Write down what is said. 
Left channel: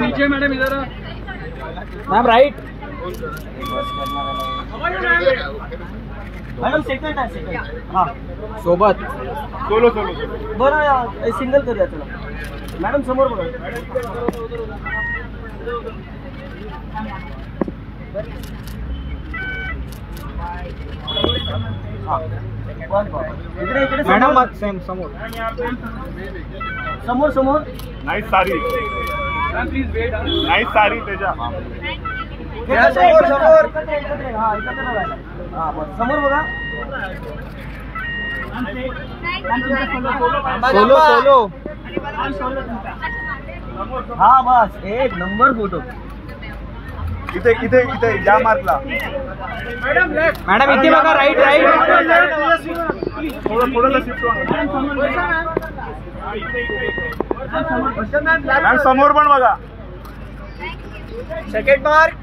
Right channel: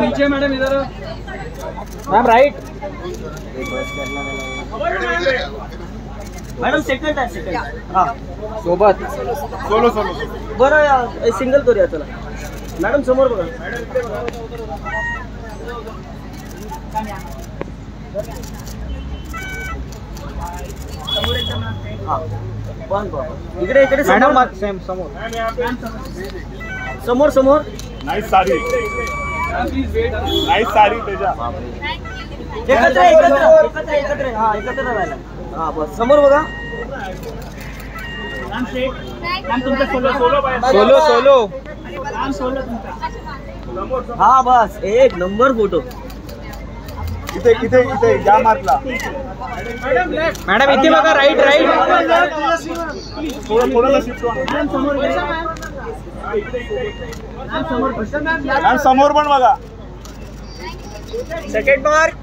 नीचे मैडम इधर ma'am right madam second आहे सेकंड. हां सोबत सोलो बरं सिंगल करूया चला. मॅडम समोर बघा. इकडे इकडे समोर सेम समोर समोर समोर. नाईस साडी नाईस साडी त्याच्या समोर बघा. सोलो हा बस एक नंबर फोटो. इथे इथे इथे या मार्कला मॅडम इथे बघा राईट राईट थोडं शिफ्ट मॅम समोर पण बघा. Second mark.